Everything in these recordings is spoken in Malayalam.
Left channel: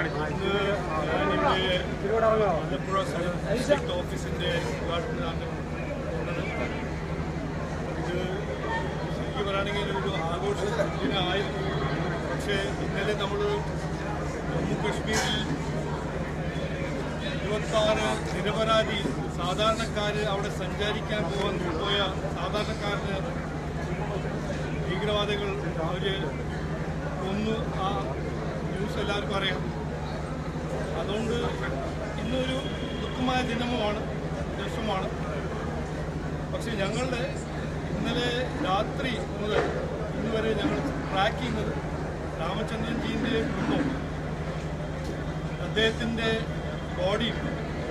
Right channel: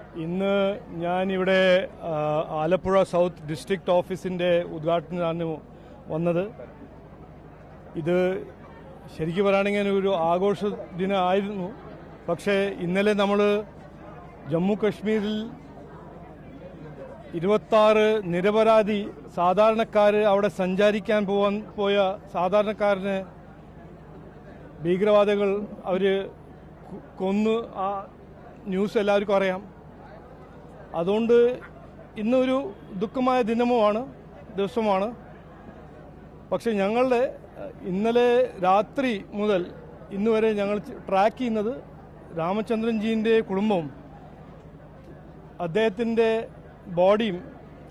ഇന്ന് ഞാനിവിടെ ആലപ്പുഴ സൗത്ത് ഡിസ്ട്രിക്ട് ഓഫീസിൻ്റെ ഉദ്ഘാടനത്തിനാണ് വന്നത്. ഇത് ശരിക്കും പറയുകയാണെങ്കിൽ ഒരു ആഘോഷ ദിനമായിരുന്നു. പക്ഷേ ഇന്നലെ നമ്മൾ ജമ്മു കശ്മീരിൽ 26 നിരപരാധി സാധാരണക്കാർ അവിടെ സഞ്ചരിക്കാൻ പോയ സാധാരണക്കാരന് ഭീകരവാദികൾ അവർ കൊന്നു. ആ ന്യൂസ് എല്ലാവർക്കും അറിയാം. അതുകൊണ്ട് ഇന്നൊരു ദുഃഖമായ ദിവസമാണ്. പക്ഷെ ഞങ്ങളുടെ ഇന്നലെ രാത്രി മുതൽ ഇന്ന് വരെ ഞങ്ങൾ ട്രാക്ക് ചെയ്യുന്നത് രാമചന്ദ്രൻജീൻ്റെ കുടുംബം അദ്ദേഹത്തിൻ്റെ ബോഡിയും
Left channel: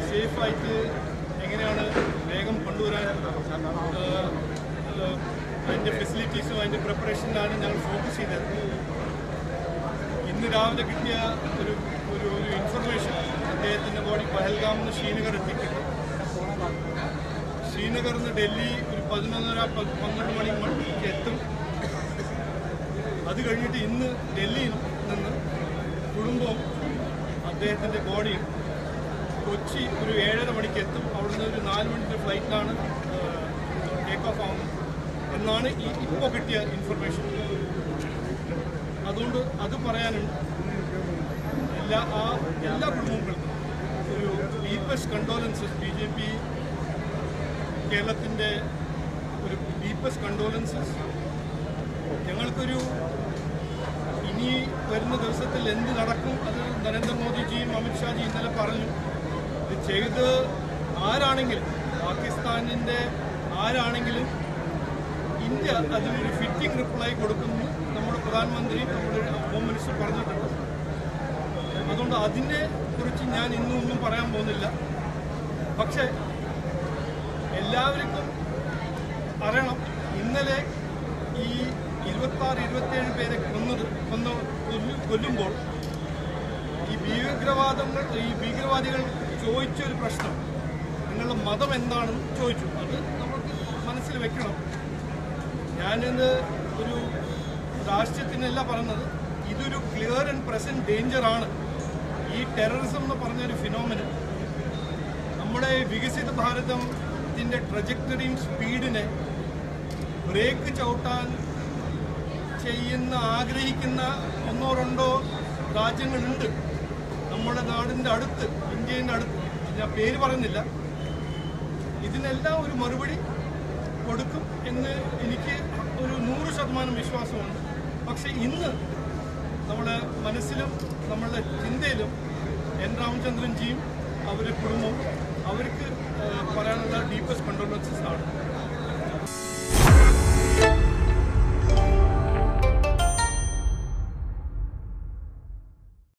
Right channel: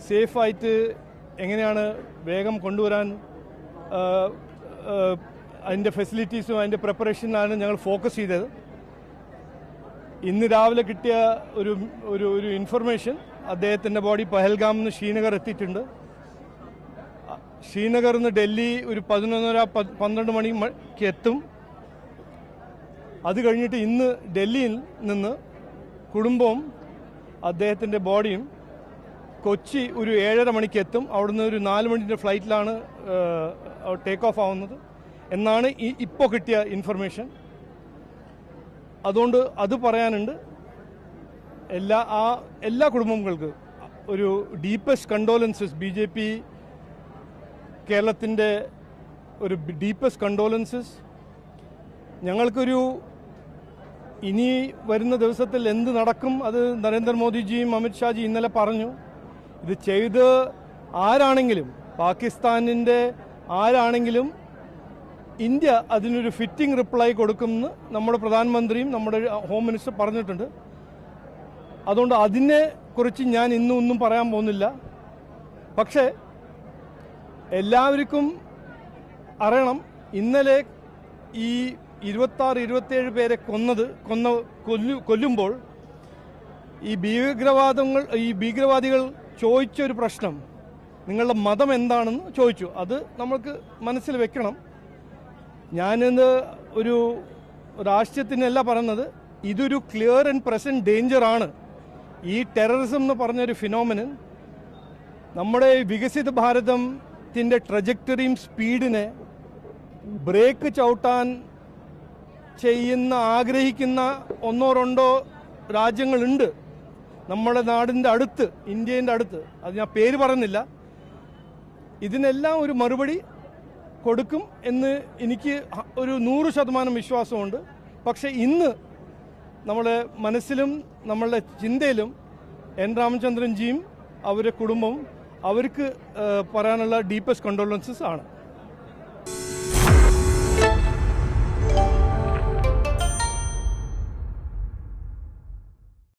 സേഫായിട്ട് എങ്ങനെയാണ് വേഗം കൊണ്ടുവരാൻ അതിൻ്റെ ഫെസിലിറ്റീസും അതിൻ്റെ പ്രിപ്പറേഷനാണ് ഞങ്ങൾ ഫോക്കസ് ചെയ്തത്. ഇന്ന് രാവിലെ കിട്ടിയ ഒരു ഇൻഫർമേഷൻ, അദ്ദേഹത്തിൻ്റെ ബോഡി പഹൽഗാമിൽ നിന്ന് ശ്രീനഗർ എത്തിയിട്ടുണ്ട്. ശ്രീനഗറിൽ നിന്ന് ഡൽഹി ഒരു 11:30-12 മണിക്ക് എത്തും. അത് കഴിഞ്ഞിട്ട് ഇന്ന് ഡൽഹിയിൽ നിന്ന് കുടുംബവും അദ്ദേഹത്തിൻ്റെ ബോഡിയും കൊച്ചി ഒരു 7:30 മണിക്ക് എത്തും. അവിടുന്ന് ഒരു 4 മണിൻ്റെ ഫ്ലൈറ്റിലാണ് ടേക്ക് ഓഫ് ആവുന്നത് എന്നാണ് ഇപ്പോൾ കിട്ടിയ ഇൻഫർമേഷൻ. അതുകൊണ്ട് അത് പറയാനുണ്ട്. എല്ലാ കുടുംബങ്ങൾക്കും ഒരു ഡീപ്പസ്റ്റ് കണ്ടോലൻസസ്. BJP കേരളത്തിൻ്റെ ഒരു ഡീപ്പസ്റ്റ് കണ്ടോലൻസസ്. ഞങ്ങൾക്കൊരു ഇനി വരുന്ന ദിവസത്തിൽ എന്ത് നടക്കും അത് നരേന്ദ്രമോദിജിയും അമിത്ഷാജി ഇന്നലെ പറഞ്ഞു. ഇത് ചെയ്ത് ആരാണെങ്കിലും, പാകിസ്ഥാനിൻ്റെ ആരാണെങ്കിലും ഇന്ത്യ അതിനൊരു ഫിറ്റിംഗ് റിപ്ലൈ കൊടുക്കുമെന്ന് നമ്മുടെ പ്രധാനമന്ത്രിയും നമ്മുടെ ഹോം മിനിസ്റ്റർ പറഞ്ഞിട്ടുണ്ട്. അതുകൊണ്ട് അതിനെ കുറിച്ച് ഞാൻ ഇന്നൊന്നും പറയാൻ പോകുന്നില്ല. പക്ഷേ എല്ലാവർക്കും അറിയണം, ഇന്നലെ ഈ 26-27 പേരെ കൊല്ലുമ്പോൾ ഈ ഭീകരവാദികൾ ചോദിച്ചൊരു പ്രശ്നം, നിങ്ങളുടെ മതം എന്താണെന്ന് ചോദിച്ചു. അത് നമുക്ക് മനസ്സിൽ വെക്കണം. ഞാനിന്ന് ഒരു രാഷ്ട്രീയത്തിനല്ല പറഞ്ഞത്, ഇതൊരു ക്ലിയർ ആൻഡ് പ്രസന്റ് ഡേഞ്ചറാണ്. ഈ ടെററിസം എന്ന് പറഞ്ഞൊരു ഫിനോമിനൻ നമ്മുടെ വികസിത ഭാരതത്തിൻ്റെ ട്രജക്ടറിയും സ്പീഡിനെ ബ്രേക്ക് ചവിട്ടാൻ ആഗ്രഹിക്കുന്ന 1-2 രാജ്യങ്ങളുണ്ട് നമ്മുടെ നാടിൻ്റെ അടുത്ത്, ഇന്ത്യൻ്റെ അടുത്ത്. അത് ഞാൻ പേര് പറയുന്നില്ല. ഇതിനെല്ലാം ഒരു മറുപടി കൊടുക്കും എന്ന് എനിക്ക് ഒരു 100% വിശ്വാസമുണ്ട്. പക്ഷേ ഇന്ന് നമ്മുടെ മനസ്സിലും നമ്മളുടെ ചിന്തയിലും എൻ രാമചന്ദ്രൻജിയും അവരുടെ കുടുംബവും അവർക്ക് പറയാനുള്ള ഡീപ്പസ്റ്റ് കണ്ടോളൻസസ് ആണ്.